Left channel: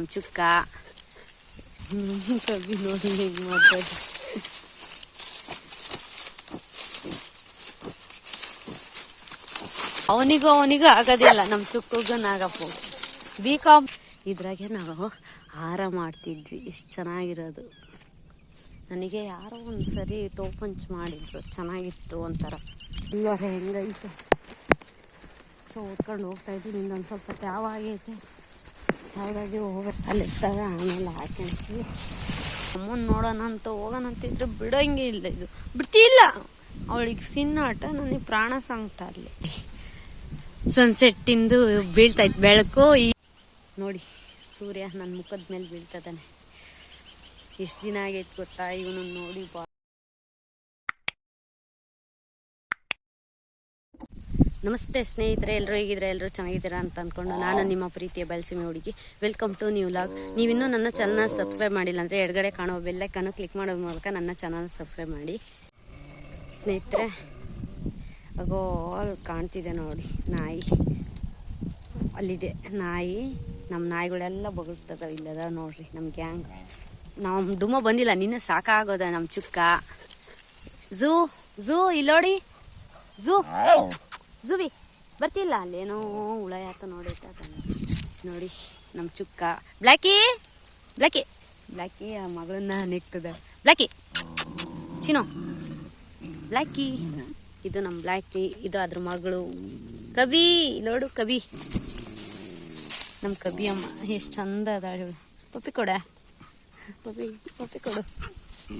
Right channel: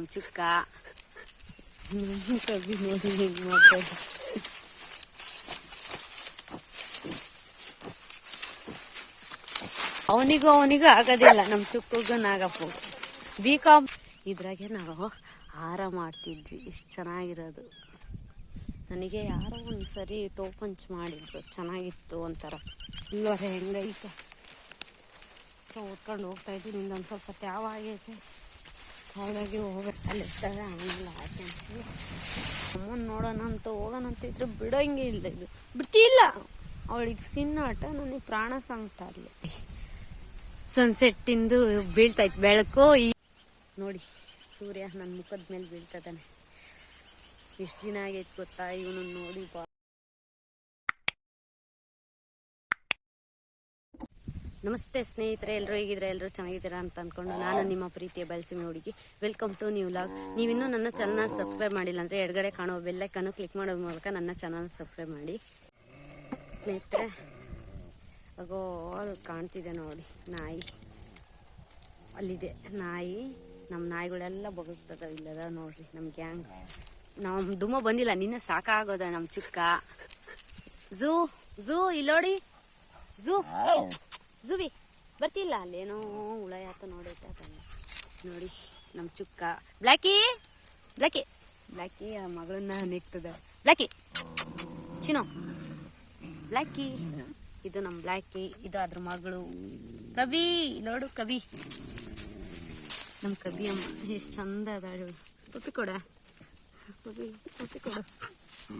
ನಮ್ಮ ಚುಕ್ಕ. ಕಬ್ಬಿ ನೋಡಿ ಹೆಂಗ್ ಮಾಡ್ತಾರೆ. ಅವನಿಗೂ ಅವನಿಗೂ ಆಗೋದಿಲ್ಲ ನಮ್ಮ ಚುಕ್ಕಗೆ ನಾಗಪ್ಪ. ಬಿ ಕಾಮ್ ಇದ್ರಾಗೆ ನಾವು ಹಾರ ಮಾಡ್ತಿದ್ವಿ ಎಷ್ಟು ಚೆನ್ನಾಗಿರೋದು. ನನಗೆ ಯಾರೋ ಒಂದು ಸರಿ ಟೋಪಂಚ್ ಮಾಡಿದ್ರು ಚೆನ್ನಾಗಿತ್ತು ಒಂಥರ. ಇಲ್ಲ ಹೆಂಗೈತೆ? ಸೊ ಓದ್ಕೊಂಡು ಹೋಗ್ತಾ ಇದ್ದೀನಿ ಇನ್ನೊಂದು ಸ್ವಲ್ಪ ತ್ಯಾವ ಆಗೈತೆ. ಹಾಗಾಗಿ ಹೋಗ್ಬೇಕು ಅಲ್ಲಿ ಇರ್ತಾವೆ ಆಮೇಲೆ ಹಾಕೊಂತೀವಿ ಅಮ್ಮನ ನೋಡೋಣ ಅಂತ ಹೋಗೋಣ ಅಂತಿದ್ರೆ ಬಿಡೋಂಗೆ ಇಲ್ಲ ಇದು ಬಿಡ್ತಿಲ್ಲ ಅವಳಿಗೆ ಸಿನ್ನಾಟ ನನಗೆ ಪ್ರಾಣ ಸಂಕಟ ಅಲ್ಲಿ. ಸನ್ಸೆಟ್ಟಿಂದು ಬೀಳ್ತೈತೆ ಬೆಳಕು ಈ ನೋಡಿ, ಸೂರ್ಯ ನನ್ನ ಮುಖದ ಮೇಲೆ ಬೀಳ್ತದಾನೆ ಎಷ್ಟು ದಿನ ಆಗೈತೆ ಗೊತ್ತಾ? ಇವನು ನೋಡಿ ಬಾ. ನಮಸ್ತೆ ಸ್ನೇಹಿತರೆ ಎಲ್ಲರೂ ಹೇಗಿದ್ರೆ ಎಲ್ಲರೂ ಚೆನ್ನಾಗಿದ್ದೀರಾ ಅಂತ ಅಂದ್ಕೊಂಡು ನಾನು ನಿಮ್ಮ ಪ್ರೀತಿಯ ಬೆಲ್ಸಿಮೆ ಹುಡುಗಿ. ವೆಲ್ಕಮ್ ಟು ನ್ಯೂ ಲಾಗ್ ನೀವಿನ್ನೂ ನನ್ನ ಚಾನಲ್ನ ಸಬ್ಸ್ಕ್ರೈಬ್ ಮಾಡಿಲ್ಲ ಅಂದರೆ ಎಡಗಡೆ ಕಾಣೋ ಬೆಲ್ಲೈಕನ್ನು ಕ್ಲಿಕ್ ಮಾಡೋ ಮೂಲಕ ನನ್ನ ಚಾನಲ್ ಸಬ್ಸ್ಕ್ರೈಬ್ ಮಾಡಿ. ಸ್ನೇಹಿತರೆ, ಅಗೋ, ಅಲ್ಲಿ ಕಾಣ್ತಿದೆ ನೋಡಿ, ನಾಯಿ. ಅಲ್ಲಿದೆ ನಾಯಿ. ನಮ್ಮ ನಾಯಿಗಳೆಲ್ಲ ಬಗ್ತದ ಇಲ್ಲದ ನೋಡ್ರಿ ನಮ್ಮ ಗ್ಯಾಂಗ್ ನಮ್ಮ ಡುಮ್ಮ ಬಂದಿಲ್ಲ, ನಿನ್ನೆ ಸಾಕಾಗೋದ ನಮ್ಮ ಚುಕ್ಕ. ಝೂ ಝೂ ಇಲ್ಲೋಡಿ. ಝೂ ಝೂವಿ, ಬರ್ತಿಲ್ಲ, ಅಲ್ಲೇನೋ ಹುಳ ಯಾತ ನೋಡಿ ನೋಡಿ ನಮ್ಮ ಚುಕ್ಕ. ಬ್ಲ್ಯಾಕಿ ಬ್ಲ್ಯಾಕಿ ಬ್ಲ್ಯಾಕಿ ಆ ಮಗಳನ್ನ ನೆಕ್ತದ. ಬ್ಲ್ಯಾಕಿ ಚಿನೋ ಬ್ಲ್ಯಾಕಿ ಇದು ನಮ್ಮ ಬ್ಲ್ಯಾಕಿ ಇದು ಅದ್ರ ಮಗಳು. ಕವಿ, ನೋಡು ಕವಿ. ನಮ್ಮ ಕವಿ ಅಮ್ಮ, ಎಷ್ಟು ಚಂದ ಅದಾಳು. ಪಪ್ಪಿ ಕೊಡ. ಪಪ್ಪಿ ಕೊಡು.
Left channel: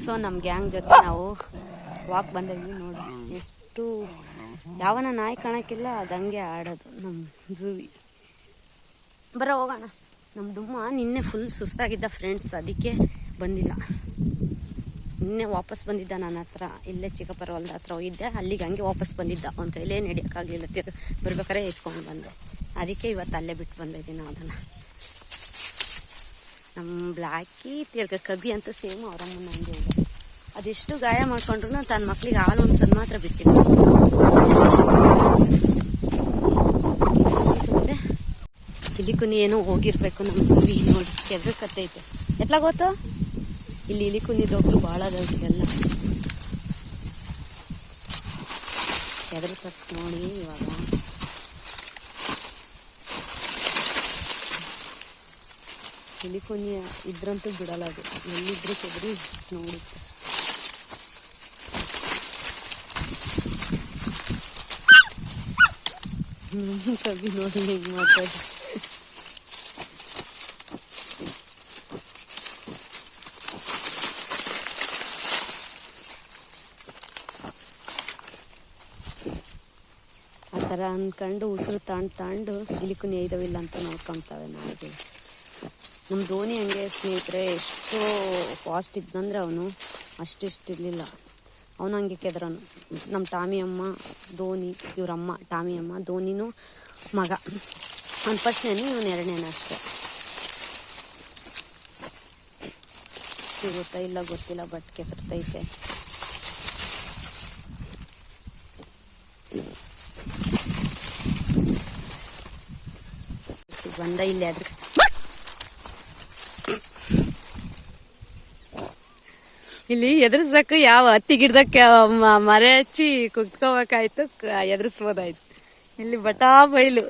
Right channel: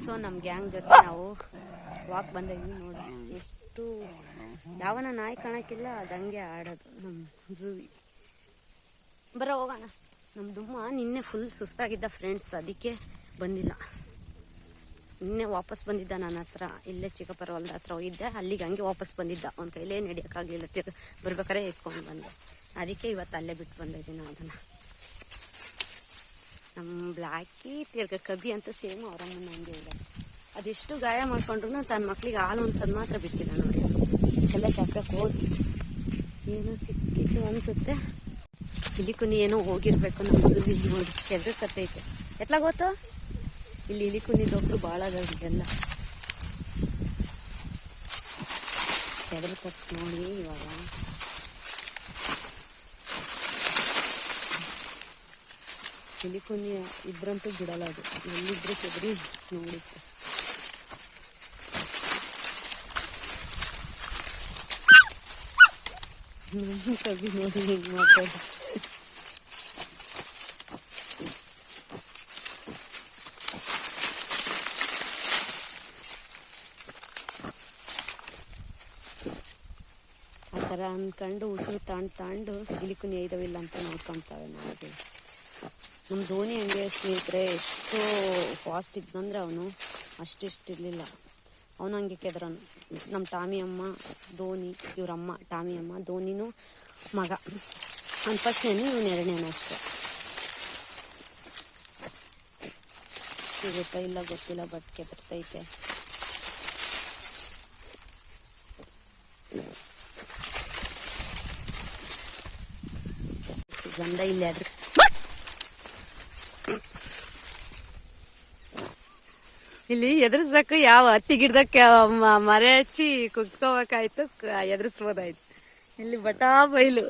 ಸೊ ನಮ್ಮ ಗ್ಯಾಂಗ್ ಜೊತೆ ನಾವು ವಾಕ್ ಬಂದಿದ್ವಿ ನೋಡಿ, ಎಷ್ಟು ಯಾವನ ನಾಯಿ ಕಾಣಕ್ಕಿಲ್ಲ ಅದು ಹಂಗೆ ಆಡೋದು ನಮ್ಮ ಜೂವಿ. ಬರೋ ಹೋಗೋಣ. ನಮ್ಮ ದುಮ್ಮ ನಿನ್ನೆ ಫುಲ್ ಸುಸ್ತಾಗಿದ್ದ ಫ್ರೆಂಡ್ಸ್ ಅದಕ್ಕೆ ಬಂದಿಲ್ಲ. ನಿನ್ನೆ ವಾಪಸ್ ಬಂದಿದ್ದ ನನ್ನ ಹತ್ರ, ಇಲ್ಲೇ ಚಿಕ್ಕಪ್ಪರ ಹೊಲ್ದ ಹತ್ರ ಹೋಗಿದ್ದೆ. ಅಲ್ಲಿಗೆ ಹಂಗೆ ವಾಪಸ್ ಬಂದಿದ್ದ. ಅವ್ನ ಕೈಲೇ ನಡೆಯೋಕ್ಕಾಗಲಿಲ್ಲ. ತಿರ್ಗಿ ಬರ್ಬೇಕಾರೆ ಎತ್ಕೊಂಡು ಬಂದೆ. ಅದಕ್ಕೆ ಇವತ್ತು ಅಲ್ಲೇ ಬಿಟ್ಟು ಬಂದಿದ್ದೀನಿ ಅದನ್ನು. ನಮ್ಮ ಬ್ಲ್ಯಾಕಿ ತಿರ್ಗ ಕಬಿ ಅಂತ ಸೇಮ್ ಅವರಮ್ಮನ ಹಂಗೆ ಇದೆ ಅದೆಷ್ಟು ಗಾಯ ಮಾಡ್ಕೊಂಡ್ರು ತನ್ನ ಮಕ್ಳಿಗೆ ಹಾಲು ಒಂದ್ಸದ್ ಮಾತ್ರ ಅನ್ಸುತ್ತೆ ಇಲಿಕುನಿ ಏನೋ ಹೋಗಿರ್ಬೇಕು ನಮ್ಮ ಸುವಿ ನೋಡಿ ಕೆದ್ರ ಕತ್ತೈತೆ. ಎತ್ಲ ಗೊತ್ತು? ಇಲ್ಲಿ ಇಲಿಕುನಿ ದೊಡ್ಡ ಭಾಳ ಅದಲ್ಲ ಎಲ್ಲ ಕೆದ್ರ ಕತ್ ನೋಡಿ ಇವಾಗ. ಇಲಿಕುನಿ ಇದ್ರಂತೂ ಬಿಡಲ್ಲ ಅದು. ಎಲ್ಲಿದ್ರು ಕೆದ್ರಿ ನೋಡುತ್ತೆ. ಕವಿ ನೋಡಿ ಹೆಂಗ್ ಮಾಡ್ತಾರೆ ಆ ಥರ ಅಂದ್ಕೊಂಡು ಉಸಿರು ತಾಂಡ್ ತಾಂಡು ಇಲಿಕುನಿ ನೇಯ್ದವಿಲ್ಲ ಅಂತ ನೋಡ್ಕೊತಾವೆ ನಾಯಿಗಳು ನಮ್ಮ ಧೋನಿ ಹಂಗೆ ಸ್ನೇಹಿತರೆ, ಎಷ್ಟು ಫಾಸ್ಟ್ ಇದ್ದಂದ್ರೆ ಅವನು ಅಷ್ಟಿಷ್ಟು ಇರಲಿಲ್ಲ ಅವನು ಹಂಗೆ ಕೆದ್ರನು. ನಮ್ಮ ಟಾಮಿ ಅಮ್ಮ ಧೋನಿ, ಇವರಮ್ಮ, ಟಾಮಿ ಅಮ್ಮ, ಧೋನಿನೂ ಮಗ. ಅವ್ನು ಫಸ್ಟ್ನೇನು ಇವನು ಎರಡನೇನು ಅಷ್ಟೇ. ಸಿಗುತ್ತಾ ಇಲ್ಲ ಗೊತ್ತಿಲ್ಲ ಬಟ್ ಬರ್ತೈತೆ ಬಂದ ಇಲ್ಲಿ ಅದ್ರ ಇಲ್ಲಿ ಎದುರಿಸಕ್ಕೆ ಯಾವ ಹತ್ತಿ ಗಿಡದಕ್ಕೆ ಮರೆ ಹಚ್ಚಿ ಕುತ್ಕೋಬೇಕಾಯ್ತು ಎದುರಿಸ್ಬೋದಾಯ್ತು. ಇಲ್ಲಿ ಬಟಾ ಬೈಲು.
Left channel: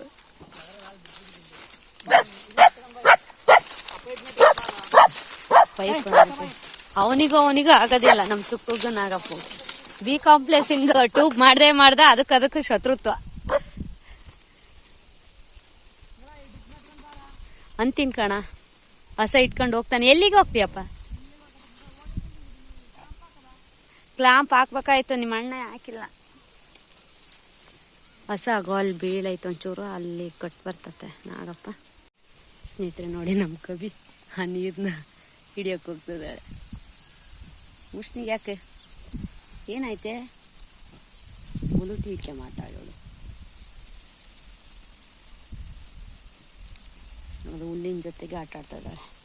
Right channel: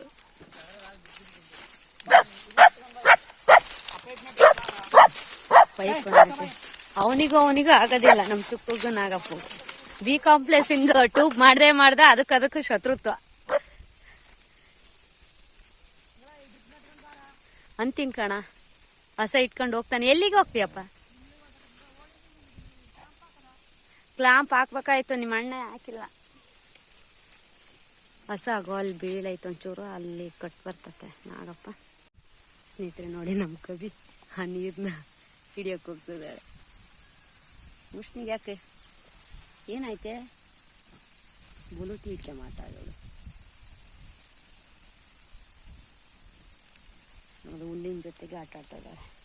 ಅವನಿಗೂ ಅವನಿಗೂ ಆಗೋದಿಲ್ಲ, ನಮ್ಮ ಚುಕ್ಕಗೆ ನಾಗಪ್ಪ. ಬಿ ಕಾಂಪ್ಲೆಕ್ಸ್ ಇಂದ ಟ್ಯೂಬ್ ಮಾಡ್ದೆ ಮಾಡ್ದ ಅದಕ್ಕೆ ಅದಕ್ಕೆ ಶತ್ರುತ್ವ. ಅಂತಿನ್ ಕಣ, ಹಸ ಇಟ್ಕೊಂಡು ಹೋಗ್ತಾನೆ. ಎಲ್ಲಿಗೆ ಹೋಗ್ತೀಯಪ್ಪ ಕ್ಲಾಂಪ್ ಹಾಕ್ಬೇಕಾಯ್ತು, ನಿಮ್ಮ ಅಣ್ಣ ಹಾಕಿಲ್ಲ. ಹೊಸ ಗೋಲ್ ಬೀಳೈತೆ ಒಂಚೂರು, ಅಲ್ಲಿ ಕಟ್ ಬರ್ತತೆ. ನಾಗಪ್ಪ, ಸ್ನೇಹಿತರೆ ನೋಡಿ ನಮ್ಮ ಕವಿ, ಆ ನೀರನ್ನ ಹಿಡಿಯೋಕೆ ಹೋಗ್ತಿದ್ದಾಳೆ. ಉಷ್ಣಿಗೆ ಯಾಕೆ? ಏನಾಯ್ತೆ? ಮುಳುಗ್ಲಿಕ್ಕೆ ಮಾತಾಡೋಳು. ಹುಲ್ಲಿನ ಜೊತೆಗೆ ಆಟ ಆಡ್ತಾ ಇದ್ದಾಳೆ.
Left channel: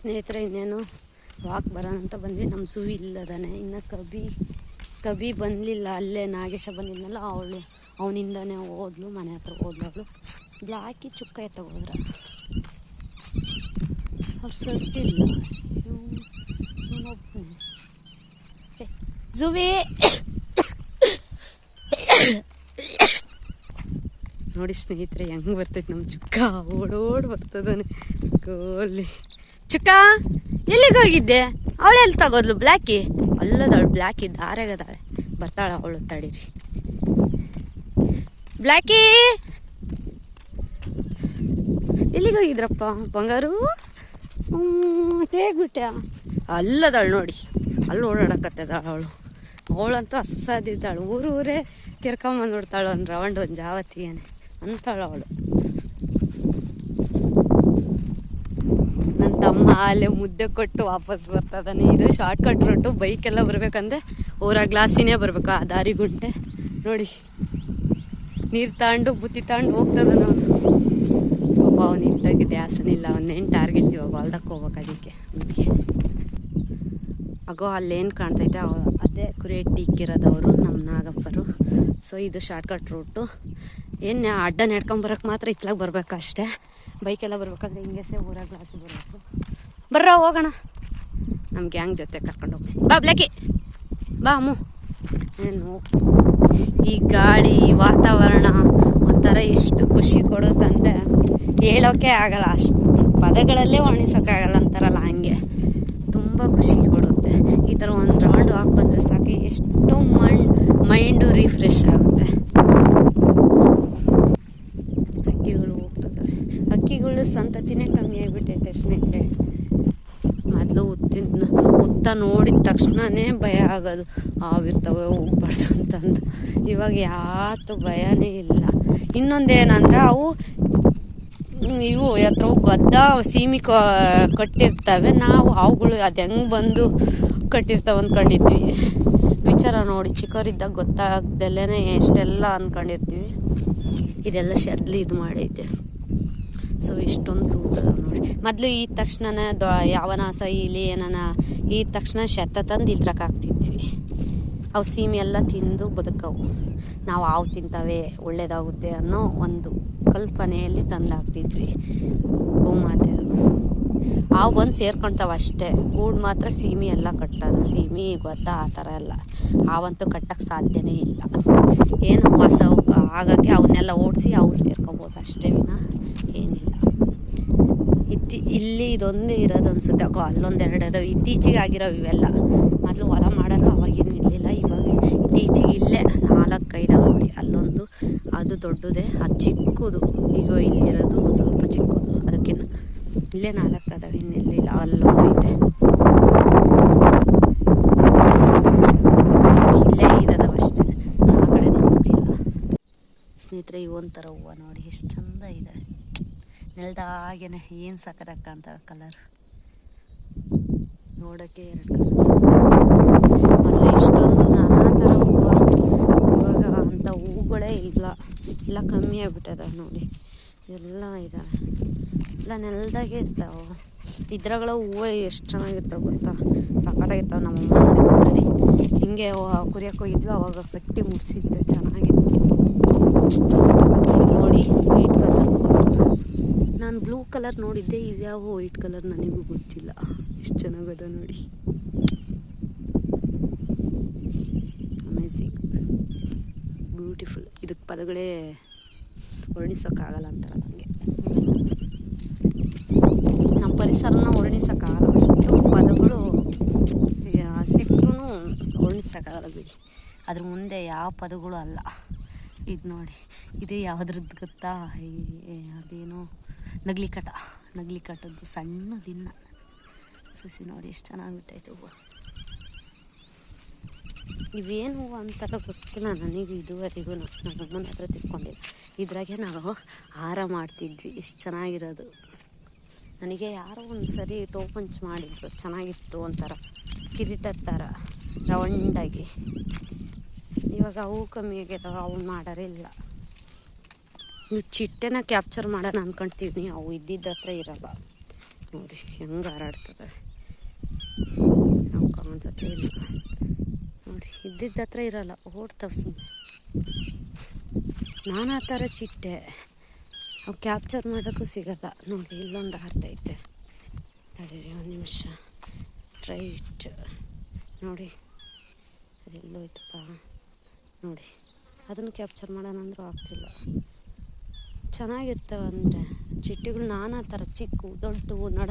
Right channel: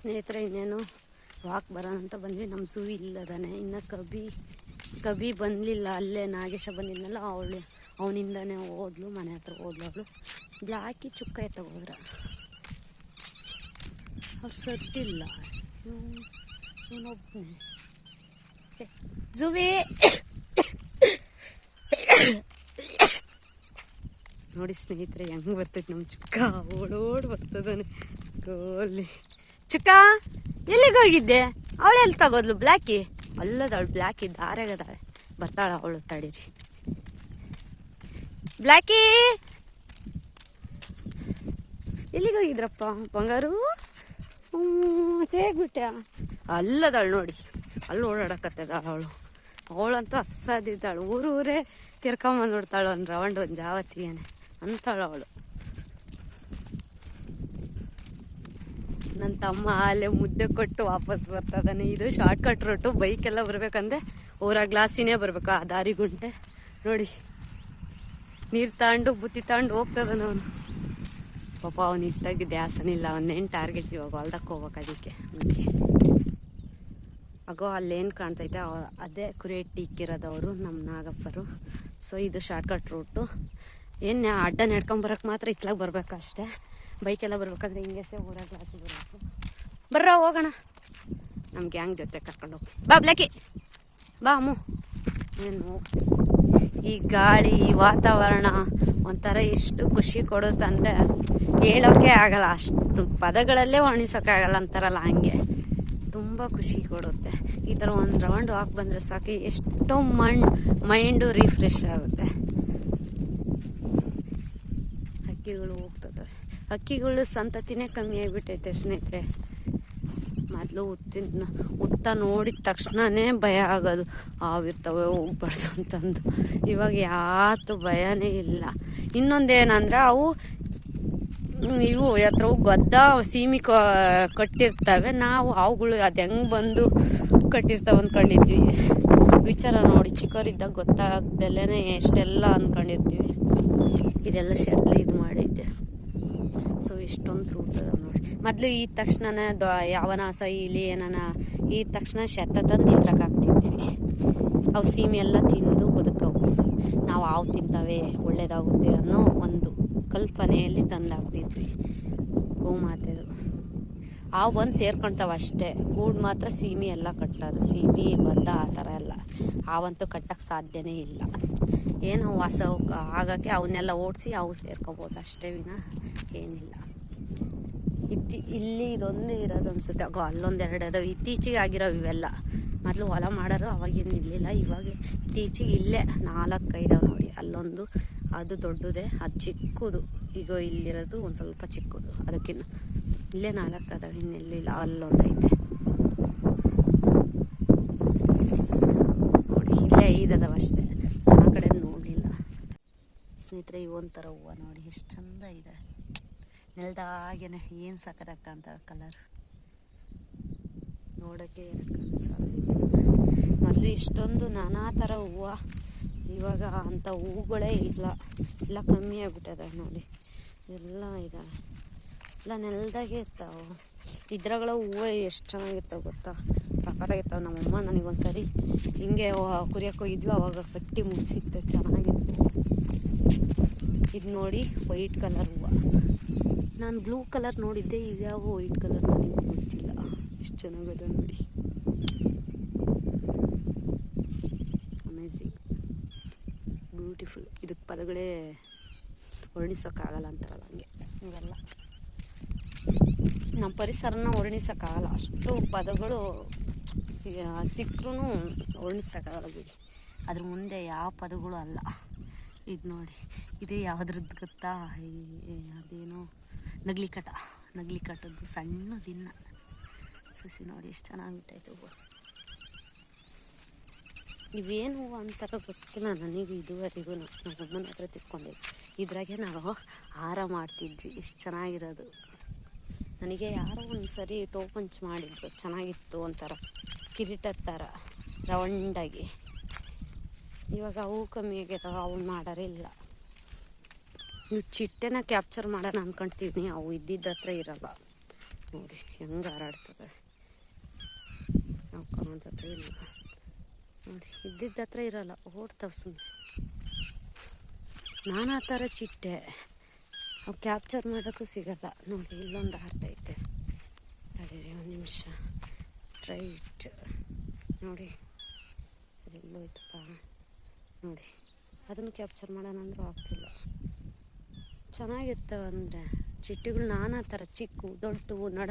ಸ್ನೇಹಿತರೆ, ಇನ್ನೇನು ವಾಕ್ ಬರೋಣ ಅಂತ ಬಂದ್ವಿ. ನಮ್ಮ ಸುವಿ ಇಲ್ಲದಾನೆ. ಇನ್ನು ಕಬಿ ಕಬಿ ಬಂದಲಿಲ್ಲ. ಅಲ್ಲೇ ನಾಗೇಶ ಬಂದಿದ್ನಲ್ಲ, ಅವಳು, ಅವನಿಂದನೇ ಹೋದ್ಲು, ಮನೆ ಹತ್ರ ಹೋದ್ಲು ಅವಳು. ಯಾಕೆ ಚುಕ್ಕ ಎತ್ತಗೋದ್ರ ಅವ್ರು ಇವನೊಬ್ಬನು ಜುವಿ ನೋಡಿ ಸ್ನೇಹಿತರೆ, ಹೆಂಗೆ ಬರ್ತೈತೆ ನಮ್ಮ ಚುಕ್ಕ. ಓಡೋಡ್ ಬರ್ತದಾನೆ. ಗೋಲಿ. ಚುಕ್ಕ, ಎಲ್ಲಿಗೆ ಹೋಗಿದ್ದೆ? ಅವಳು ಎಲ್ಲಿ ತಗೋದ್ಲು ಬ್ಲ್ಯಾಕಿ ಅಲ್ಲದವಳು ಬ್ಲ್ಯಾಕಿ ದಾರೆಗದಾಳೆ ಬರ್ತಾಳೆ ಅವಳು ತಡೀರಿ. ಬ್ಲ್ಯಾಕಿ ಎಲ್ಲಿಗೆ ಹೋಗಿದ್ರಪ್ಪ, ಬಂಗಾರು? ತೇಗ್ಬಿಟ್ಟೆ. ಅಲ್ಲದಾಳು ನೋಡಿ, ಅಲ್ಲಿ ಓಡಾಡಕತ್ತದಾಳ ಅವಳು. ಅವಳಂತೂ ಅಸ್ಸಾದಿದ್ದಾಳು. ಊರು ಊರೇ ತಿರ್ಕೊಂಬಂದು ಬಿಡ್ತಾಳು ಒಂದು ರೌಂಡ್ ಒಂದು ಜಾವತಿಯೇನೆ ಅಂತಾಳು ಅವಳು. ನನ್ನ ತಮ್ಮ ಅಲ್ಲೇ ಮುದ್ದೆ ಕೊಟ್ಟು ವಾಪಸ್ ಬರ್ತದಾನೆ. ಇದು ಶಾರ್ಟ್ ಕಟ್ ರೋಟು ಬೈಕೆಲ್ಲ ಬರಬೇಕಂದ್ರೆ ಊರ ಗ್ಲಾಸಿನೇ ಬರಬೇಕು? ಆ ದಾರಿ ಗುಂಟೆ. ನೋಡಿ, ನೀರು ತಗೊಂಡು ಬುತ್ತಿ ತಗೊಂಡು ಹೋಗ್ತದ ನಾವು ಪಾಪ ಅವನು ಇದ್ದಾಗಿದ್ದೆ ದ್ಯಾಸನಿಲ್ಲ ಅವನೇನು ಟಾರ್ಗೆಟ್ ಇವಾಗ? ಹೊಲ್ದಕ್ಕೆ ಹೋಗ್ಬೇಕು ಅದಕ್ಕೆ. ನಮಗೆ ಅಗೋ, ಅಲ್ಲೇನು ಕಾಣ್ತೈತೆ? ಅದೇ ಕುರಿಯಟ್ಟಿ ಇಕ್ಕಿರೋದವರು ನಮ್ಮ ನಾಗಪ್ಪರು. ಸೊ ಇದು ಶಾರ್ಟ್ಕಟ್ ರೂಟು ಏನು, ಅಡ್ಡ ನಡ್ಕೊಂಬರಕ್ಕೆ ಮಾತ್ರ ಇತ್ಲಾಗ ಬರ್ಬೇಕು ಅಷ್ಟೇ ಬೈಕೆಲ್ಲ ಬರ್ಬೇಕಾದ್ರೆ ಹಿಂಗೆಸೆ ಊರಾಗ ಹಾಕಿ ಬರಬೇಕು. ಬರ್ರ, ಹೋಗೋಣ. ನಮ್ಮ ಗ್ಯಾಂಗ್ ಜೊತೆ ಕರ್ಕೊಂಡು ಹೋಗಿ ಬಾ, ಬ್ಲಾಕಿ. ಬಾ ಅಮ್ಮು ಏನು? ಈ ಗಾಳಿ, ವಾತಾವರಣ ಒಂಥರ ಎಷ್ಟು ಖುಷಿ ಕೊಡುತ್ತಂದರೆ ಹೇಳೋಕ್ಕೆ ಆಗಲ್ಲ. ಅಷ್ಟು ಪದಗಳಲ್ಲೇ ವರ್ಣಿಸೋಕ್ಕಾಗಲ್ಲ ಅಂತಾರಲ್ಲ ಹಂಗೆ. ತುಂಬ ಖುಷಿ ಕೊಡುತ್ತೆ. ಈ ಥರ ಒಂದು ರೌಂಡ್ ಹಾಕಿ ಬಂದರೆ ಸಾಕು. ಎಷ್ಟು ಮಣ್ಣು ಮೈಂಡು ರಿಫ್ರೆಶ್ ಆಗುತ್ತೆ ಹಕ್ಕಿಗಳು ಹೋಗ್ತದವೆ ಹಕ್ಕಿಗಳು ಸಂತತಿನೇ ಕಮ್ಮಿ ಆಗಿಬಿಟ್ಟೈತೆ ಸ್ನೇಹಿತರೆ. ಮೊದಲು ಉತ್ತಿನ ಉತ್ತ ನೋಡಿದ ತಕ್ಷಣನೇ ಭಯ ಆಗೋದು. ಆಗಿರ್ತವೆ ಹೋಗ್ಬಾರ್ದು ಅಂತಂದು. ಇವಾಗ ಯಾತು ಭಯನೇ ಇಲ್ಲ. ಇನ್ನೊಂದೇನಂದ್ರೆ ಅವು ಇವು ಹತ್ರ ಗದ್ದ ಸೀಮಿ ಕಟ್ಟಿರ್ತವೆ. ನಾವು ಅವುಗಳು ಅದು ಹೆಂಗೆ ಬಂದು ಕಟ್ಟಿರ್ತಾವೆ ಅಂದ್ಕೊಂಡಿದ್ವಿ ವಿಚಾರ ನೋಡಿ, ಚಿಕ್ಕವರಿದ್ದಾಗ ಗೊತ್ತಾಗ್ದಲ್ಲೇ ಎಷ್ಟೆಲ್ಲ ಅಂದ್ಕೊಂಡಿರ್ತೀವಿ ಇದೆಲ್ಲ ಶೆದ್ಲಿ ಇದು ಮಾಡೈತೆ. ಸೊ ಇಷ್ಟೊಂದು ತೂತದ ನೋಡಿ. ಮೊದಲು ಈ ತಕ್ಷಣನೇ ದೊ, ಯಾವನ ಸೈಲಿ ಏನನ ಈ ತಕ್ಷಣ ಶೆತ್ತ ತಂದು ಇದ್ರಕ್ಕೆ ಹಾಕ್ತಿದ್ವಿ. ಅವು ಸೀಮೆ ಎಲ್ಲ ತಿಂದು ಬದುಕವು. ನಾವು ಹಾವು ತಿಂತಾವೆ, ಒಳ್ಳೇದಾಗುತ್ತೆ ಅನ್ನೋ ಒಂದು ಕಲ್ಪನೆಯಲ್ಲಿ ತಂದಾಗ್ತಿದ್ವಿ ಗೋಮಾತೆದು. ಹಾವು ಬಂದು ಸೇರ್ಕೊತಾವ ಅಷ್ಟೇ. ಗೂಡು ಮಾತ್ರ ಸೀಮೆ ಎಲ್ಲ ಕಟ್ಟೋದು ಸೀಮೆ, ಬದ್ದ ಆ ಥರ ಎಲ್ಲ. ಆವಂತೂ ಕಟ್ಟಕ್ಕೆ ಸಾಧ್ಯನೇ ಇಲ್ಲ. ಏನು ಹೊಸ ಆಗೋಕ್ಕೆ ಅವನ್ನೆಲ್ಲ ಓಡಿಸಿ ಅವು ಸೇರ್ಕೊಬೋದು ಅಷ್ಟೇ ವಿನ ಏನಿಲ್ಲ. ಇತ್ತಿ ಇಲ್ಲಿ ಇದೊಂದೇ ಇರೋದು ಅನ್ಸುತ್ತೆ. ಅಗೋ ಅಲ್ಲೊಂದೆರಡು ಅದಾವೆ. ಇತ್ತೀಚೆಗೆ ಆಗಿರೋ ಇವೆಲ್ಲ. ಮೊದಲು ಹೊಲ ಮಾಡೋರು ಅವಾಗೇನು ಇರಲಿಲ್ಲ, ಇವಾಗ ಇತ್ತೀಚೆಗೆ ಇಲ್ಲೇ ನಾಲ್ಕೈದು ನೋಡಿ. ಅಲ್ಲೊಂದು, ಅದು ದೊಡ್ಡದೇ, ಅದು ಚಿಕ್ಕದು. ಈಗ ಇಲ್ಲಿರೋದು ಒಂದು ಸ್ವಲ್ಪ ಚಿಕ್ಕದು. ಇಲ್ಲೇ ನಾಲ್ಕು ಅದಾವೆ ಅಲ್ಲೊಂದು ಐತೆ. ಇಲ್ಲೇ ಐದದವ ಅಷ್ಟೇ. ಆ ಕಡೆ ನೋಡಿಲ್ಲ ಸ್ನೇಹಿತರೆ ಇವೊಂಥರ ಹೂವು ನೋಡಿ, ಎಷ್ಟು ಚಂದ ಇದೆ. ನೆಲದಾಗೇನೆ ಏನು ಸಕ್ಕದಾಗ ಕಾಣ್ತವೆ ಕಲರ್ ನೋಡೋಕ್ಕೆ ಎರಡು ಮೊದಲು ಇಷ್ಟೊಂದು ನಾನಾ ಥರ ಹೂವು. ಇವಾಗ ಅಂಥ ಹೂಗಳೇ ಇಲ್ಲ. ಎಲ್ಲ ಕಮ್ಮಿ ಆಗ್ಬಿಟ್ಟದ ನೋಡಿ. ಎಲ್ಲ ಇದಾವೆ. ಎಲ್ಲ ನೆಲದಾಗೆ ಇರ್ತಾವೆ. ಇದ್ರಾಗಳ ಹೂವು ಎಷ್ಟು ಚೆನ್ನಾಗಿರ್ತಾವೆ ಗೊತ್ತಾ? ಸಕ್ಕತ್ತಾಗಿರ್ತಾವೆ ನಮ್ಮಮ್ಮ ನನಗೆ ಒಂದ್ಸರಿ. ಹಿಂಗೆ ಕುರಿಯಕ್ಕೆ ಹೋಗಿದ್ವಿ, ಅವಾಗ ಕಟ್ಟಿ ಮುಗಿಸಿದ್ದೆ ಚೆನ್ನಾಗಿತ್ತು. ನೋಡಿ ವೈಟ್ ಕಲರ್. ನಾನು ಬ್ಲೂ ಕಲರ್ ನೋಡಿದ್ದೆ ಇದ್ಯಾವ ವೈಟ್ ಕಲರ್ ನನಗೂ ಗೊತ್ತಿಲ್ಲ. ಎಷ್ಟು ಚೆನ್ನಾಗದ ನೋಡಿ. Amazing beautiful. ಇದಕ್ಕೆ ಪದಗಳೇ ವರ್ಣಿಸೋಕ್ಕಾಗಲ್ಲ ಅಂತಾರಲ್ಲ ನನಗೆ ನಮ್ಮ ಪರಿಸರನ ವರ್ಣಿಸೋಕ್ಕಾಗಲ್ಲ ಅಷ್ಟು ಪದಗಳು ಸಿಕ್ಕರೂ ವರ್ಣಿಸೋಕ್ಕಾಗಲ್ಲ ಬಿಡಿ. ಅದ್ರ ಮುಂದೆ ಯಾವ ಪದಗಳು ಅಲ್ಲ. ಇದು ನೋಡಿ. ಇದು ಯಾವುದ್ರದ್ದು ಗೊತ್ತಾ? ಅದೇನೋ ನಗ್ಲಿಕಟ. ನಗ್ಲಿಕಟದ್ದು ಸಣ್ಣ ದಿನ. ಸಸಿ ನೋಡಿ ಎಷ್ಟು ಚೆನ್ನಾಗಿ ಹೂವು. ಇವೇನು ಹೂವು ಅಂತಾರ ಗೊತ್ತಿಲ್ಲ ನನಗೆ ಇದುವರೆಗೂ. ನಮ್ಮ ಅಮ್ಮನ ಹತ್ರ ತಿಳ್ಕೊಂಡೆ. ಇದ್ರಾಗೆ ನಾವು ಹಾರ ಮಾಡ್ತಿದ್ವಿ. ಎಷ್ಟು ಚೆನ್ನಾಗಿರೋದು. ನನಗೆ ಯಾರೋ ಒಂದು ಸರಿ ಟೋಪಂಚ್ ಮಾಡಿದ್ರು, ಚೆನ್ನಾಗಿತ್ತು ಒಂಥರ ಕಿರೀಟದ ಥರ ರೌಂಡಾಗಿ. ಇವಾಗ ಅವು ಕಮ್ಮಿ ಆಗ್ಯದ ಅವು ಮಾಡೋರೇ ಇಲ್ಲ. ನೀವು ಚಿಟ್ಟೆನ ಕ್ಯಾಪ್ಚರ್ ಮಾಡೋಣ ಅಂದ್ಕೊಂತೀನಿ ಅವು ಇದ್ದಿದ್ದ ಹತ್ರ ಇರಲ್ಲ. ನೋಡಿ, ಹೆಂಗೆ ಹಾರಾಡ್ತದೆ. ನಾವು ಇಲ್ಲ. ನೋಡಿ, ಇದ್ದಿದ್ದ ಹತ್ರ ಇರಲ್ಲ, ಓಡ್ತವೆ ಸುಮ್ಮನೆ ನಾನಾ ಥರ ಚಿಟ್ಟೆ. ಕ್ಯಾಪ್ಚರ್ ಮಾಡೋಕ್ಕೂ ಸಿಗಲ್ಲ. ನೋಡಿ, ಇಲ್ಲೊಂದು ಆರ್ತೈತೆ ತಡೀರಿ ಒಂದು ನಿಮಿಷ. ರೈಟ್ ನೋಡಿ ಅದೆಲ್ಲೋಯ್ತಪ್ಪ ನೋಡಿ, ಅದನ್ನು ಕ್ಯಾಪ್ಚರ್ ಮಾಡೋಣ ಅಂದರೂ ಆಗ್ತಿಲ್ಲ. ಚೆನ್ನಾಗಿರ್ತವೆ ಅಂದರೆ, ಚಿಟ್ಟೆಗಳು ನಾನಾ ಥರ ಚಿಕ್ಕು, ದೊಡ್ಡವು, ನಡ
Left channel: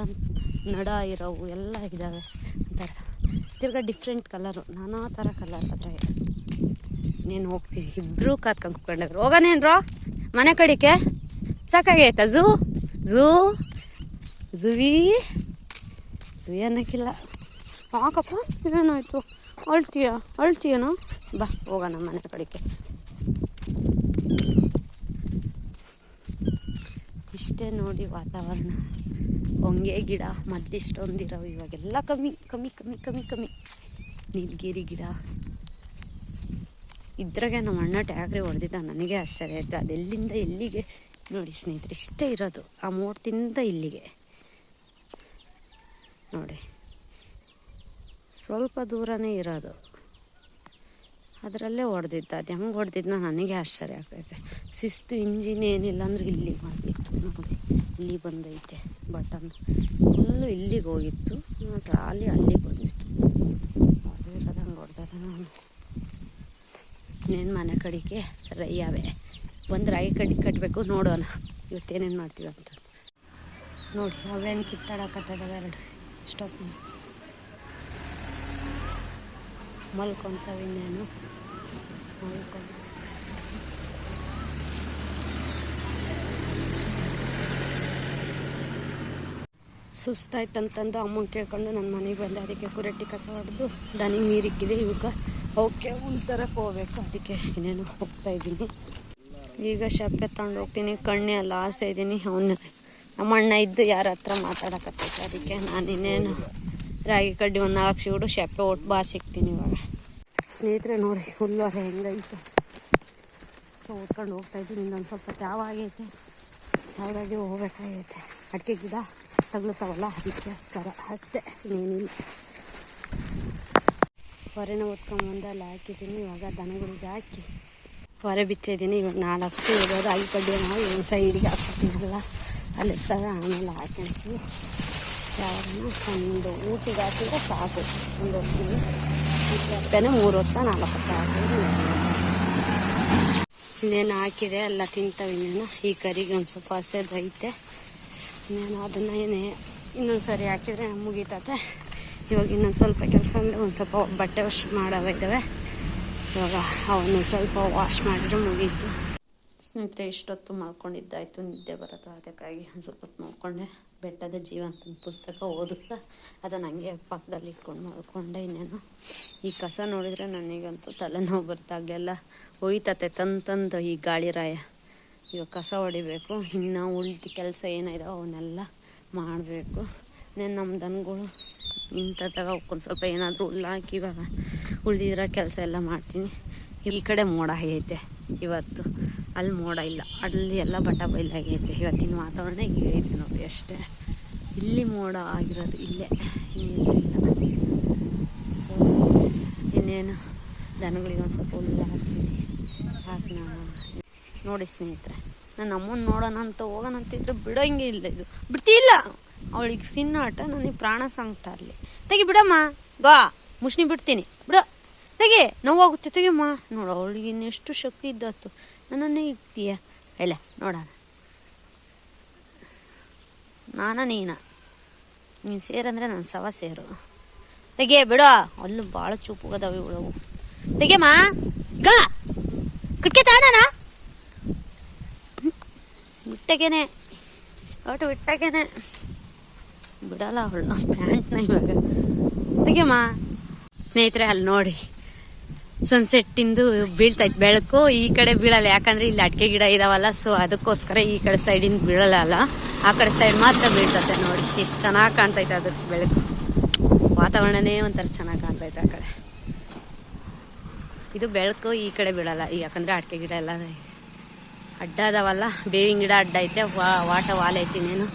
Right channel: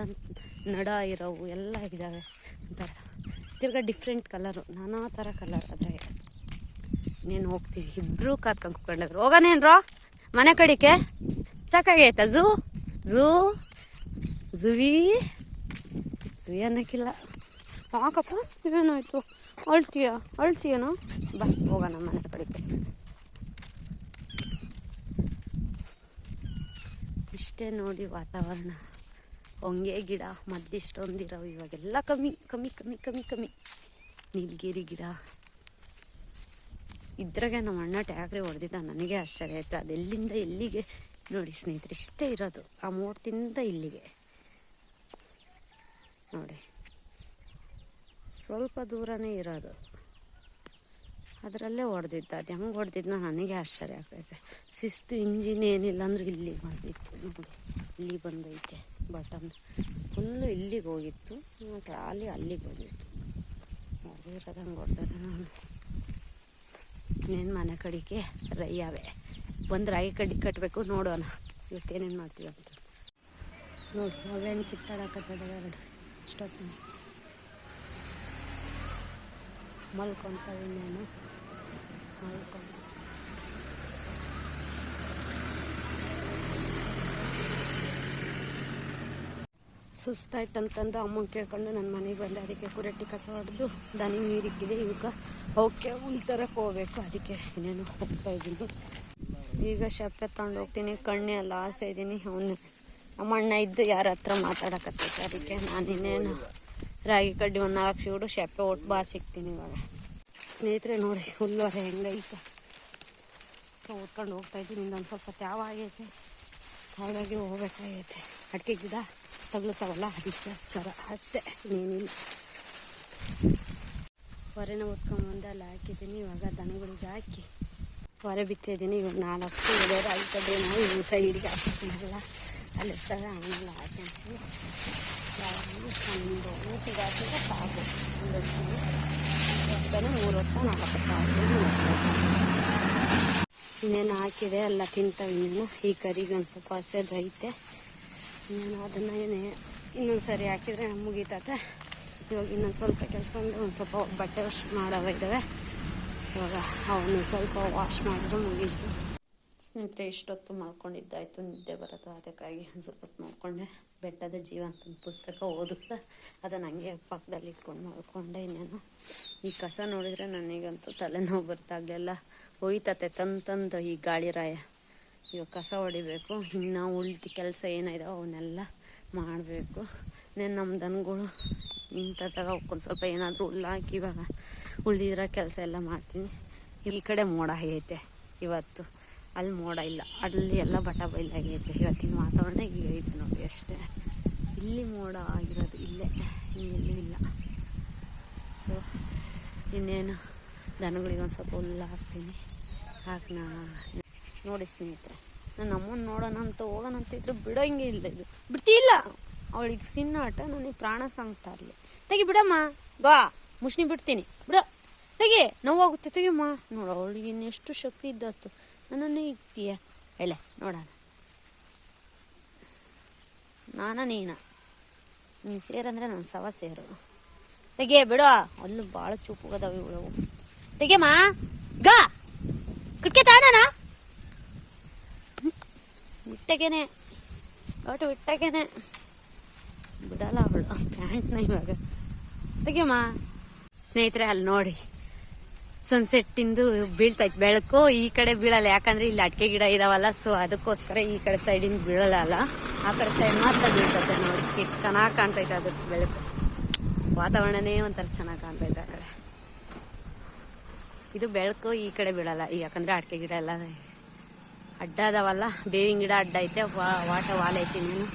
ನಡ ಇರೋವು ಎಲ್ಲ ಇದ್ದಾವೆ ಒಂಥರ ತಿರ್ಗಾ ಡಿಫ್ರೆಂಟ್ ಕಲರು ನಾನಾ ಥರ ಕಲರ್ ಅದ್ರಾಗೆ ನೀನು ಹೋಗ್ತೀವಿ. ಇಬ್ಬರು ಕಾತ್ಕೊಂಡು ಹೋಗೋಣ ಏನ್ರೋ ಮನೆ ಕಡಿಕೆ ಸಾಕಾಗೈತಾ? Zoo zoo, ಝುವಿ ಝುವಿ ಅನ್ನಕ್ಕಿಲ್ಲ. ಯಾಕಪ್ಪ? ಇದೇನಾಯ್ತು ಅಳ್ತೀಯ? ಅಳ್ತೀಯನೋ? ಬಾ, ಹೋಗೋಣ ಮನೆ ಕಡೆಗೆ ಇಷ್ಟೇ ನೋಡಿ ವಾತಾವರಣ. ಹೊಂಗೆ ಗಿಡ, ಮದ್ದಿಷ್ಟೊಂದಿರೋ ಇವಾಗೆಲ್ಲ ಕಮ್ಮಿ ಕಮ್ಮಿ ಕಮ್ಮಿ ಕಮ್ಮಿ ಕಮ್ಮಿ. ನೀಲಗಿರಿ ಗಿಡ. ಇದ್ರಾಗೆ ನಮ್ಮ ಅಣ್ಣ ಟ್ಯಾಗ್ರಿ ಹೊಡೆದಿದ್ದ ನನಗೆ ಆಶ್ಚರ್ಯ ಆಯಿತು. ಅದೆಲ್ಲಿಂದ ಎಲ್ಲಿಗೆ ನೋಡಿ ಸ್ನೇಹಿತರೆ, ಇಷ್ಟೇ ಇರೋದು ಆ ಮೂರ್ತಿಯಿಂದ ಇಲ್ಲಿಗೆ. ನೋಡಿ, ಸ್ವಲ್ಪ ದೂರನೇ ಇರೋದು. ಅದರಲ್ಲೇ ಹೊಡೆದಿದ್ದ, ಅದು ಹೆಂಗೆ ಹೊಡೆದಿದ್ದ ನನಗೆ ಆಶ್ಚರ್ಯ ಆಗ್ತೈತೆ. ಶಿಸ್ತು ಇಂಜಿನ್ ಏನಿಲ್ಲ ಅಂದ್ರೆ ಇಲ್ಲಿಗೆ ಬಂದಿತ್ತು. ನೋಡಿ, ಇಲ್ಲಿ ಬಂದೈತೆ ಬಟನ್ ಫುಲ್ಲು ಇಲ್ಲಿಗೆ ಹೋಗಿತ್ತು ಟ್ರಾಲಿ ಅಲ್ಲಿಗೆ ಬಂದಿತ್ತು. ಹೊಡೆದಿರೋದು ಹಂಗೆ ಹೊಡೆದ ನಾನು. ಇನ್ನೇನು ಮನೆ ಕಡೆಗೆ, ರೈಯಾವೆ. ಒಂದು ರಾಗಿ ಕಡ್ಡಿ ಕಟ್ಟಬೇಕು ನೋಡೋಣ. ಇವತ್ತೇನೇನು ಮಾಡ್ತೀವಿ ಅಂತ. ನೋಡಿ, ಅವೇನು ಕಿತ್ತಾಡಕತ್ತದ ಎರಡು. ಇಷ್ಟೊತ್ತು ಮಲ್ಕೊತಾವೆ ಇನ್ನೇನು. ಮಲ್ಕೊಂಡು. ಸುಸ್ತಾಯ್ತಂತಂದು ಅಮ್ಮನ ಕೇಳ್ಕೊಂಡು ನನ್ನ ಮನೆಗೆ ಬಂದೆ. ಅದಕ್ಕೆ ಕುರಟ್ಟಿ ಕಸ ಹೊಡೆದು ದನಿ ನೀರಿಕ್ಕಿದೆ. ಇವಾಗ ಅವಕ್ಕೆ ಒಂಥರ ಹೋಗ್ಬೇಕು. ಅದಕ್ಕೆ ಇನ್ನೇನು ಹೋಗ್ತಾ ಇದ್ದೀನಿ. ಈಗ ಶಪ್ಪೆ ತಗೊಂಡು ಹೋಗ್ತೀನಿ. ಕಣ್ಣೆ ಎಲ್ಲ ಆಸೆ ಇದ್ದೀನಿ. ಅವನು ನಮ್ಮ ಅಣ್ಣ ಇದ್ದು ಯಾರ ಹತ್ರ ಮಾತಾಡಕತ್ತೈತೆ? ಅದಕ್ಕೆ ನಾನು ಇನ್ನೇನು ರಾಗಿ ಕಡ್ಡಿ ಒಂದು ಶಿವಡು ಶಪ್ಪೆ ಒಟ್ಟು ಬಾ ಸಿಗ್ತೀನಿ ಇವಾಗ. ಸ್ನೇಹಿತರೆ ನೋಡಿ ಫುಲ್ಲು ಹೆಂಗೈತೆ? ಸೊ ಓದ್ಕೊಂಡು ಹೋಗ್ತಾ ಇದ್ದೀನಿ. ಇನ್ನೊಂದು ಸ್ವಲ್ಪ ಯಾವ ಆಗೈತೆ. ಹಾಗಾಗಿ ಹೋಗ್ಬೇಕಾಗೈತೆ. ಅಡಿಕೆ ಗಿಡ ತಗ್ಲುತ್ತಾವಲ್ಲ ಅದಕ್ಕೋಸ್ಕರ ಅಷ್ಟೇ, ಇನ್ನೇನಿಲ್ಲ. ಹೊರೆನ ಓದ್ಕೊಂಡು ಬಂದಲ್ಲಿ ಹಾಕಿದ್ದೀನಿ. ಇವಾಗ ದನಗಳಿಗೆ ಹಾಕಿ ಹೊರೆ ಬಿಚ್ಚಿದ್ದೀನಿ. ಇವಾಗ ನಾಲ್ಕು ಇರೋದು. ಐದು ಕಡ್ಡಿ ನಾವು ಏನು ಸೈಡ್ಗೆ ಹಾಕ್ಬಿಟ್ಟಿದ್ವಲ್ಲ ಅಲ್ಲಿ ಸಹ ಆಮೇಲೆ ಹಾಕಿರ್ತೀವಿ ಯಾವಾಗಲೂ ಒಂದು ಊಟಿಗೆ ಹಾಕಿದ್ರೆ ಸಾಕು. ಒಂದು ಹೊತ್ತಿಗೆ ಹೊಟ್ಟೆನೇ ಮೂರು ಹೊತ್ತ, ನಾಲ್ಕು ಹೊತ್ತ ಹಾಕಿದ್ರೆ ಇನ್ನೇನು ಹಾಕಿದೆ? ಎಲ್ಲ ತಿಂತಾವೆ ಇನ್ನೇನು. ಈ ಕರಿಗೆ ಒಂದು ಸ್ವಲ್ಪ ಹಸೆದೈತೆ ಇನ್ನೇನು ಅದನ್ನು ಏನೇ ಇನ್ನೊಂದು ಸರಿ ಹಾಕಿದರೆ ಮುಗೀತತೆ. ಇವಾಗ ಇನ್ನೊಂದು ಸ್ವಲ್ಪ ಕೆಲಸ ಅಂದರೆ ಒಂದು ಸ್ವಲ್ಪ ಬಟ್ಟೆ ವಾಶ್ ಮಾಡವ ಇದ್ದಾವೆ ಇವಾಗ ಅವನು ಸ್ವಲ್ಪ ವಾಶ್ ಮಾಡಿದ್ರೆ ಮುಗೀತು. ಸ್ನೇಹಿತರೆ, ಇಷ್ಟೊತ್ತು ಮಲ್ಕೊಂಡಿದ್ದಾಯಿತು. ನಿದ್ದೆ ಬರೋದು ಅದಕ್ಕಾಗಿ ಸ್ವಲ್ಪ ಹೊತ್ತು ಮಲ್ಕೊಂಡೆ. ಬೆಟ್ಟದ ಜೀವ ಅಂತ ಪುಸ್ತಕ ಓದುತ್ತಾ ಅದನ್ನು ಹಂಗೆ ಪಕ್ಕದಲ್ಲಿ ಇಟ್ಕೊಂಡು ಮಲ್ಕೊಂಡೆ ಇನ್ನೇನು. ಈ ಕಸ ನೋಡಿದರೆ ನನಗಂತೂ ತಲೆನೋವು ಬರ್ತಾಗಲೆಲ್ಲ ಒಯ್ತತೆ ತಂದು ತಂದು ಈ ಗಾಳಿ ರಾಯ. ಇವಾಗ ಕಸ ಹೊಡಿಬೇಕು. ಇನ್ನು ಉಳಿದ ಕೆಲಸ ಏನಿದೆ ಅವನ್ನೆಲ್ಲ ಮಾಡಬೇಕು. ನಮ್ಮ ದನಗಳು ಇಂಥದ್ದಾಗ ಒಂದು ಸ್ವಲ್ಪ ಏನಾದರೂ ಹುಲ್ಲು ಹಾಕಿ ಇವಾಗ ಉಳಿದಿರೋ ಕೆಲಸ ಎಲ್ಲ ಮಾಡ್ತೀನಿ. ಈ ಕಡೆ ಮೋಡ ಆಗೈತೆ ಇವತ್ತು. ಅಲ್ಲಿ ಮೋಡ ಇಲ್ಲ. ಅಲ್ಲಿ ಎಲ್ಲ ಬಟ್ಟ ಬೈಲಾಗೈತೆ. ಇವತ್ತಿನ ವಾತಾವರಣ ಹೀಗೆ ಐತೆ ನೋಡಿ ಅಷ್ಟೇ. ಇಲ್ಲಿ ಮೋಡ ಆಗಿರೋದು ಇಲ್ಲೇ. ಇನ್ನೆಲ್ಲೂ ಸೊ ಇನ್ನೇನು? ದನಗಳಿಗೆ ಒಂದು ಸ್ವಲ್ಪ ಹುಲ್ಲು ಹಾಕ್ತೀನಿ. ಹಾಕಿ ನೋಡಿ ಸ್ನೇಹಿತರೆ. ನಾನು ಅಮ್ಮನ ನೋಡೋಣ ಅಂತ ಹೋಗೋಣ ಅಂತಿದ್ರೆ ಬಿಡೋಂಗೆ ಇಲ್ಲ ಇದು. ಬಿಡ್ತಿಲ್ಲ. ಅವಳಿಗೆ ಸಿನ್ನಾಟ ನನಗೆ ಪ್ರಾಣ ಸಂಕಟ ಅಲ್ಲಿ. ತೆಗಿ ಬಿಡಮ್ಮ ಗಾ ಮುಷ್ಣಿ ಬಿಡ್ತೀನಿ. ಬಿಡು. ತೆಗಿ, ನೋವಾಗುತ್ತೆ, ತೆಗಿಯಮ್ಮ. ನೋಡು, ಅವಳಿಗೆ ಇನ್ನೆಷ್ಟು ಶಕ್ತಿ ಇದ್ದತ್ತು ನನ್ನನ್ನೇ ಇಕ್ತೀಯ ಎಲ್ಲ ನೋಡೋಣ. ನಾನ ನೀನ. ನೀನು ಸೇರಂದ್ರೆ ನನ್ನ ಸವ ಸೇರು. ತೆಗೆ, ಬಿಡ. ಅಲ್ಲೂ ಭಾಳ ಚೂಪುಗದಾವ ಇವಳವು ತೆಗಿಯಮ್ಮ, ಗಾ. ಕಿಟಕಿ ತಾಡಣ ಬಿಟ್ಟಗೇನೆ ಒಟ್ಟು ಬಿಟ್ಟಾಗೇನೆ ಬಿಡಲ್ಲ ಅವಳು. ಪ್ಯಾಂಟ್ನ ಇವಾಗ. ತೆಗಿಯಮ್ಮ. ಸ್ನೇಹಿತರೆ, ಅಲ್ಲಿ ನೋಡಿ. ಸನ್ಸೆಟ್ಟಿಂದು ಬೀಳ್ತೈತೆ ಬೆಳಕು ಈ ಕಡೆ ಬೀಳಲ್ಲ. ಯಾಕಂದ್ರೆ ಇಲ್ಲಿ ಅಡಿಕೆ ಗಿಡ ಇದಾವಲ್ಲ ಸೊ ಅದಕ್ಕೋಸ್ಕರ ಈ ಕಡೆ ಸೈಡಿಂದ ಬೀಳಲ್ಲ ಅಲ್ಲ. ಆ ಕಡೆ ಸೈಡ್ ಮಾತ್ರ ಬೀಳ್ತತೆ ನೋಡಿ. ಎಷ್ಟು ಚೆನ್ನಾಗಿ ಕಾಣ್ತೈತೆ ಅದ್ರ ಬೆಳಕು. ವಾತಾವರಣನೇ ಒಂಥರ ಚೆನ್ನಾಗಿ ಕಾಣ್ತೈತೆ ಆ ಕಡೆ. ಇದು ಬೆಳಕು ಈ ಕಡೆ ಬೀಳಲ್ಲ. ಯಾಕಂದ್ರೆ ಅಡಿಕೆ ಗಿಡ ಎಲ್ಲ ಅಡ್ಡ ಅದಾವಲ್ಲ. ಬೇವಿನ ಗಿಡ ಅಡ್ಡ ಐತೆ. ವಾಟ ವಾಲ್ ಐತಿ ನೀನು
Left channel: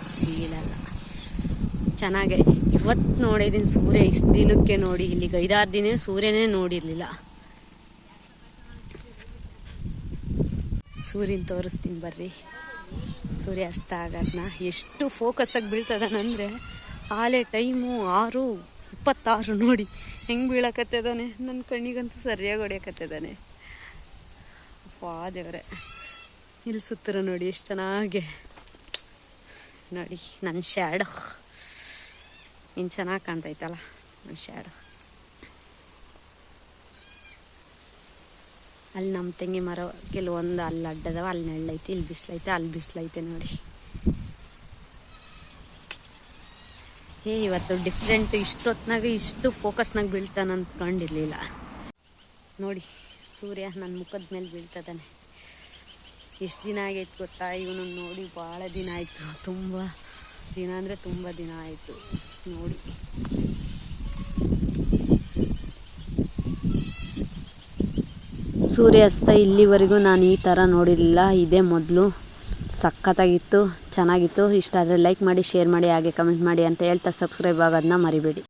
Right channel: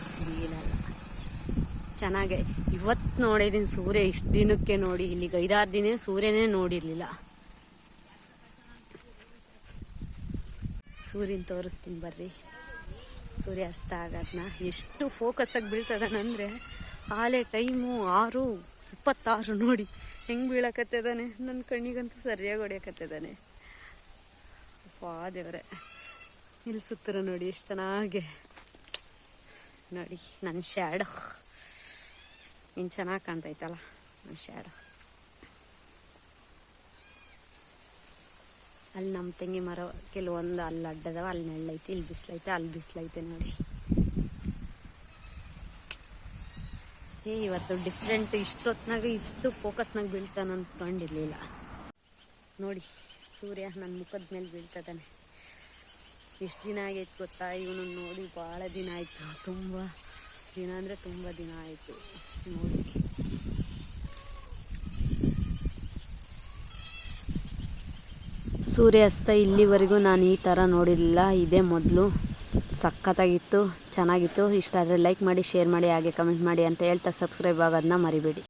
ಚೆನ್ನಾಗೆ. ಇವತ್ತು ನೋಡಿದ್ದೀನಿ ಸೂರ್ಯ, ಇಷ್ಟು ದಿನಕ್ಕೆ ನೋಡಿ, ಇಲ್ಲಿಗೆ ಐದಾರು ದಿನ ಸೂರ್ಯನೇ ನೋಡಿರಲಿಲ್ಲ. ಸೂರ್ಯನ ತೋರಿಸ್ತೀನಿ ಬರ್ರಿ. ಸೂರ್ಯ ಅಸ್ತ ಆಗೋದನ್ನ ಎಷ್ಟು ಫೋಕಸ್ಸಾಗಿ ಬೀಳ್ತದಾನಂದರೆ, ಆಲೆ ಟೈಮು ಆರು, ಇಪ್ಪತ್ತಾರು ನೋಡಿ. ಹೆಂಗೆ ಬೀಳಕತ್ತಿದ್ದಾನೆ ನನ್ನ ಕಣ್ಣಿಗಂತೂ ಸರಿಯಾಗಿ ಹೊಡಿಯಕತ್ತಿದ್ದಾನೆ ಅಪ್ಪಾ ದೇವ್ರೆ. ಇಲ್ಲಿ ಸುತ್ತರ ನೋಡಿ, ಎಷ್ಟು ಚೆನ್ನಾಗೆ. ನೋಡಿ ನನ್ನ ಶ್ಯಾಡೋ ಇನ್ನು ಚೆನ್ನಾಗಿ ಕಾಣ್ತೈತಲ್ಲ ನನ್ನ ಶ್ಯಾಡೋ ಅಲ್ಲಿ ನಮ್ಮ ತೆಂಗಿ ಮರ ಕೆಲವೊಂದು ಅಲ್ಲಿ ಅಡ್ಡದವ, ಅಲ್ಲಿ ನೆಳ್ಳೈತಿ, ಇಲ್ಲಿ ಬಿಸಿಲೈತೆ, ಅಲ್ಲಿ ಬಿಸಿಲೈತೆ ನೋಡಿ. ಏ, ಇವತ್ತು ಡಿಫ್ರೆಂಟ್ ಇಷ್ಟೊತ್ನಾಗ ಇಷ್ಟು ಫೋಕಸ್ನಾಗ ಬೀಳ್ತಾನ ಅಂದ್ಕೊಂಡಿರ್ಲಿಲ್ಲ ನೋಡಿ, ಸೂರ್ಯ ನನ್ನ ಮುಖದ ಮೇಲೆ ಬೀಳ್ತದಾನೆ. ಎಷ್ಟು ದಿನ ಆಗೈತೆ ಗೊತ್ತಾ? ಇವನು ನೋಡಿ ಭಾಳ ದಿನ ಆಯಿತು. ತುಂಬ ದಿನ ಅಂದರೆ ತುಂಬ ದಿನ ಆಯಿತು. ನೋಡಿ. ಸೂರ್ಯಾಸ್ತ ಇಲ್ಲಿವರೆಗೂ ನಾನು ಈ ಥರ ನೋಡಿರಲಿಲ್ಲ. ಇದೇ ಮೊದಲು ಸಖತ್ತಾಗಿತ್ತು, ಚೆನ್ನಾಗಿತ್ತು. ಇಷ್ಟ ಆದರೆ ಲೈಕ್ ಮಾಡಿ, ಶೇರ್ ಮಾಡಿ, ಹಾಗೆ ಕಮೆಂಟ್ ಮಾಡಿ ಅಂತ ಹೇಳ್ತಾ ಸಬ್ಸ್ಕ್ರೈಬ್ ಆಗೋದನ್ನ ಮರಿಬೇಡಿ.